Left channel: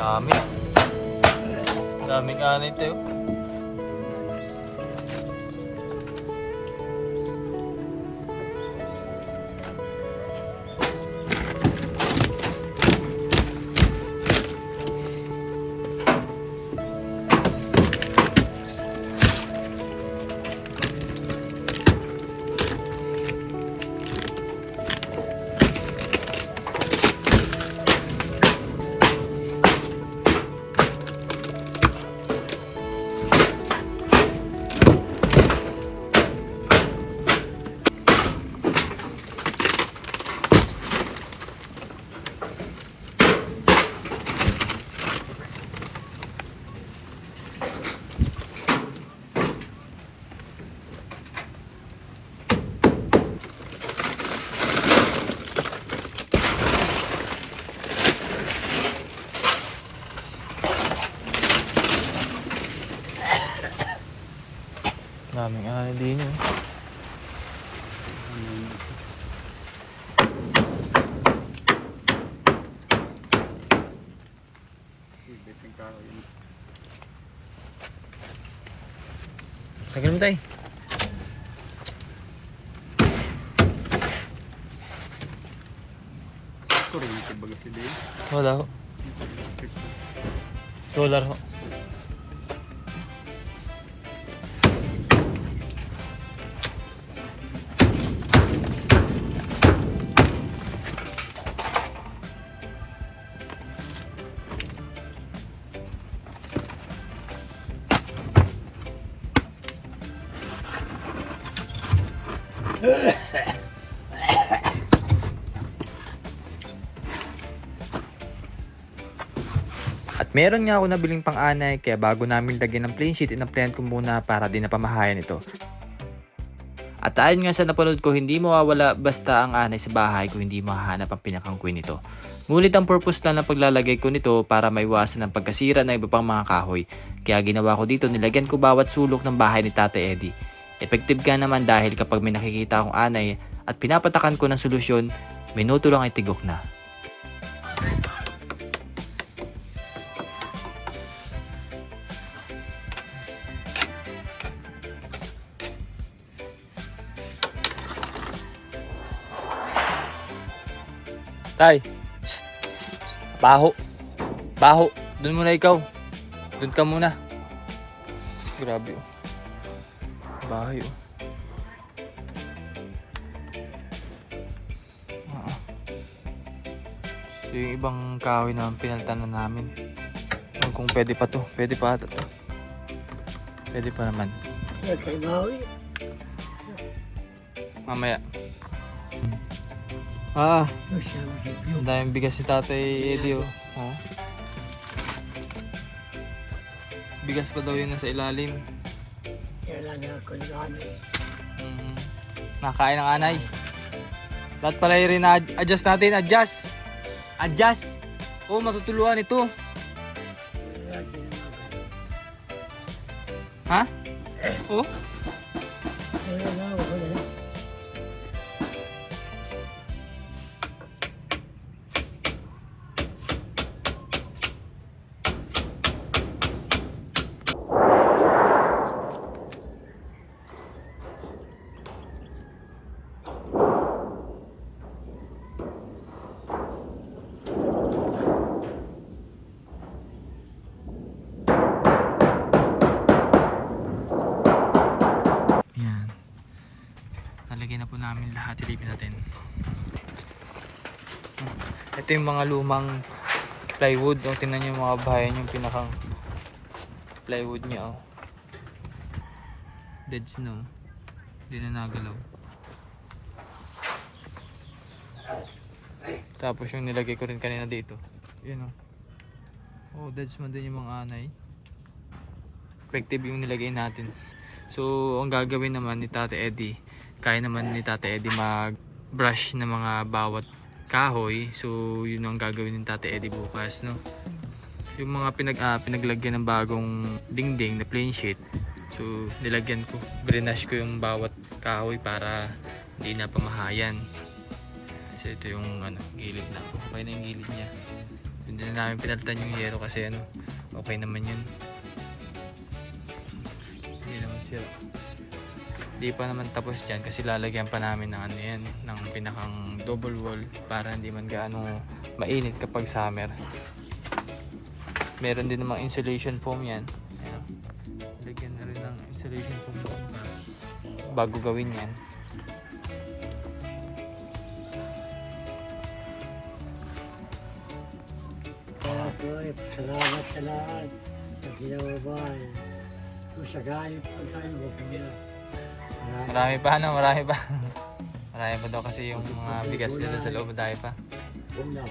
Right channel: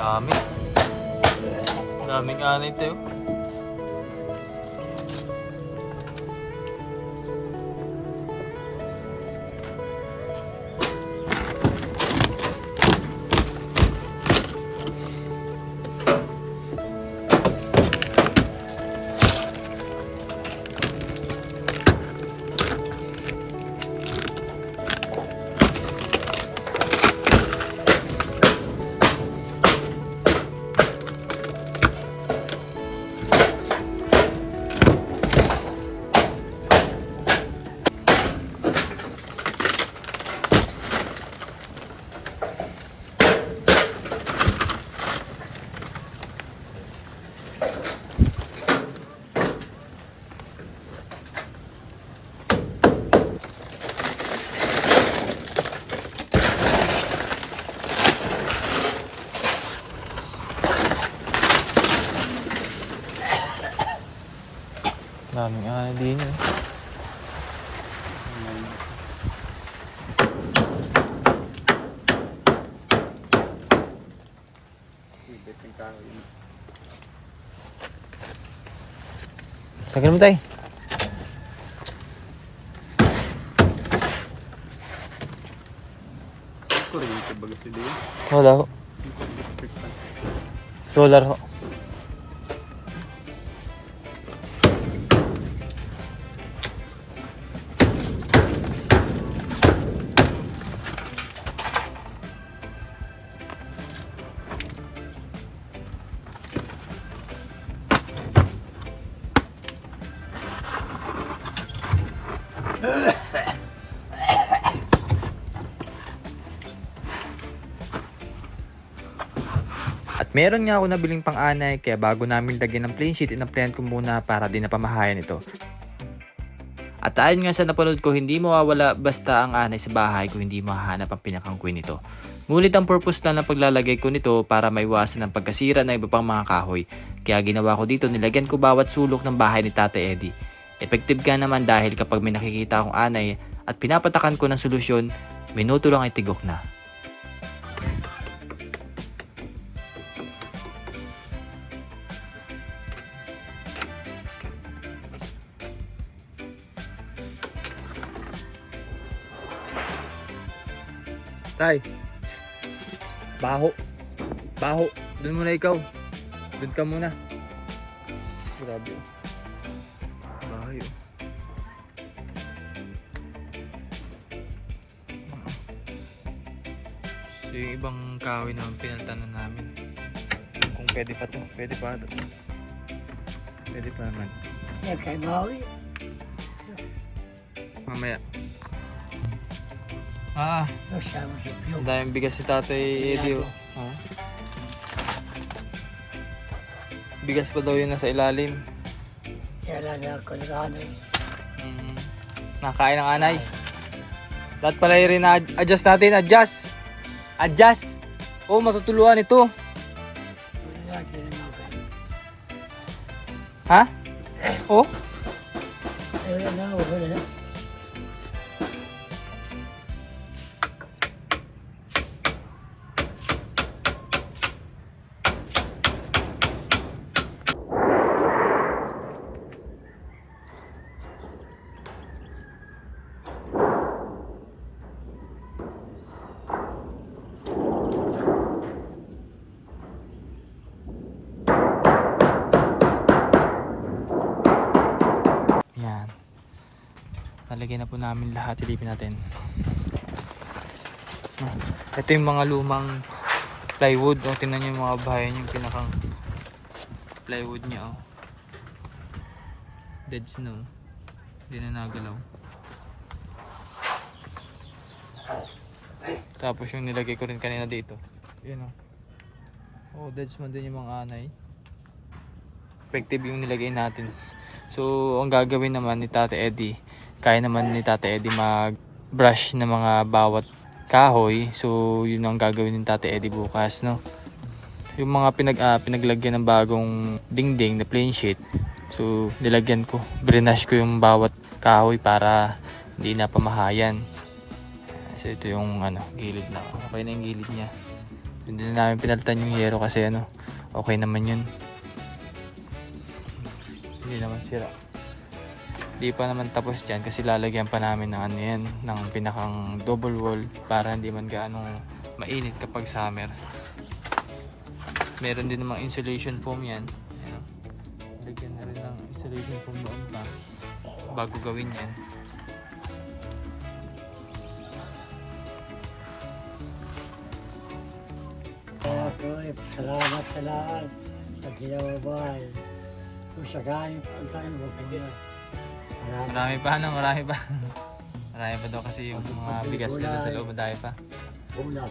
Dami. Daming anay tayo. Daming anay din yun. Tagal mo tayo. Kuryente baga sila yun. Wala ho. Solar ho. At meron nga ako nabiling pang-anay kaya bago namin lagyan ng plain sheet, in-applyan ko muna para din napamahayan ito. At ayon nga sa napanood ko, hindi mawawala basta ang anay sa bahay kung hindi mahahanap ang pinakang queen nito. Ngunit ang purpose lang ng paglalagay ko nito para maiwasan ang pagkasira ng iba pang mga kahoy. Kaya ginawa ko dito, nilagyan ko bawat sulok ng bahay ni Tatay Eddie. Effective ka naman dahil kapag may nakikita akong anay at pinapatakan ko ng solusyon, minuto lang ay tigok na. Tay, shh. Baho. Baho. Doon muna ikaw. Doon ka muna. Grabe. Bahay. So, yung ibang kahoy naman pinalitan na namin. Kung pwede pa to. Pwede pa ito. Pwede pa naman. Kay bawi. Mamaya. Ang daming bigas si Tatay Eddie, oh. Oh. Bigas pa daw yun nasa ilalim. Kaya na kalahanay. Nakain ng anay. Lahat pala rin na adjust natin. Adjust. Adjust. Oh, matutuluan ito. Ha? Oh? po namin lahat. Silipin natin. Ito yung mga lumang plywood. O, tingnan nyo yung mga bahayan yung pinakang plywood niya. O. Dead snow. Hindi na nagalaw. Tapos yung nilagay ko rin kanina dito. Yun o. Oh, dead snow din yung mga anay. Effective yung nilagay natin. So, ang gagawin naman ni Tate Eddie, kaya naman ni Tate Eddie mag-brush ng mga bawat kahoy. So, yun ang gagawin ni Tate Eddie bukas, no? Yung mga pinaglagyan ng bagong dingding na plain sheet. So, nilagyan ko, brinash ko yung bawat kahoy para hindi na pamahayan. So, ito yung gilid na. Okay na yung gilid niya. Hindi na namin pinalitan yung yero kasi okay naman yun. Hindi naman sira. Hindi pa naman tapos dyan kasi lalagyan pa namin ng yan, ng pinakang double wall para hindi man gaano mainit kapag summer. Meron din namang insulation foam yan. Ayan. Lagyan na rin ng insulation foam doon pa bago gawin yan. Okay, salamat sa lahat sa ginawa bahay. Kung sakali pagkain mo po yan. Marami pa marami pa. Marami pa daw kasi yung mga bigas nila sa loob, dahil pa. Una.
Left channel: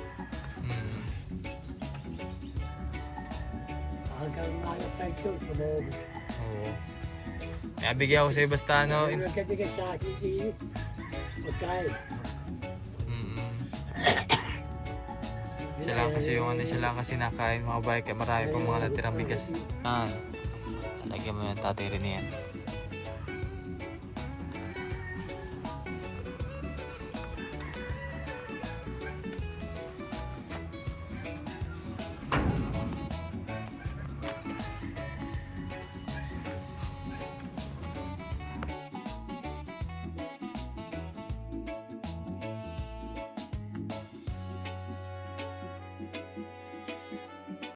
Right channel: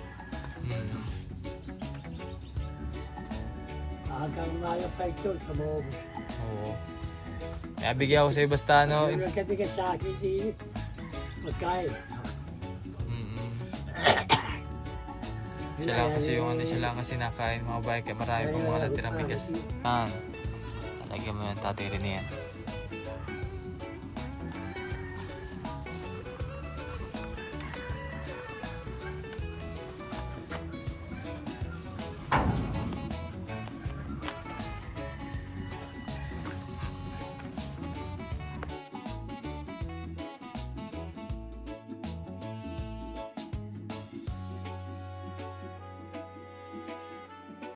Hanggang ngayon pa ito sa moob. Oo. Kaya bigyan ko sa'yo basta Yung nagkabigay sa akin di pagkain. Siya lang kasi siya lang kasi nakain mga bike, kaya marami pa mga natirang bigas. Lagyan mo ng Tatay Rene yan.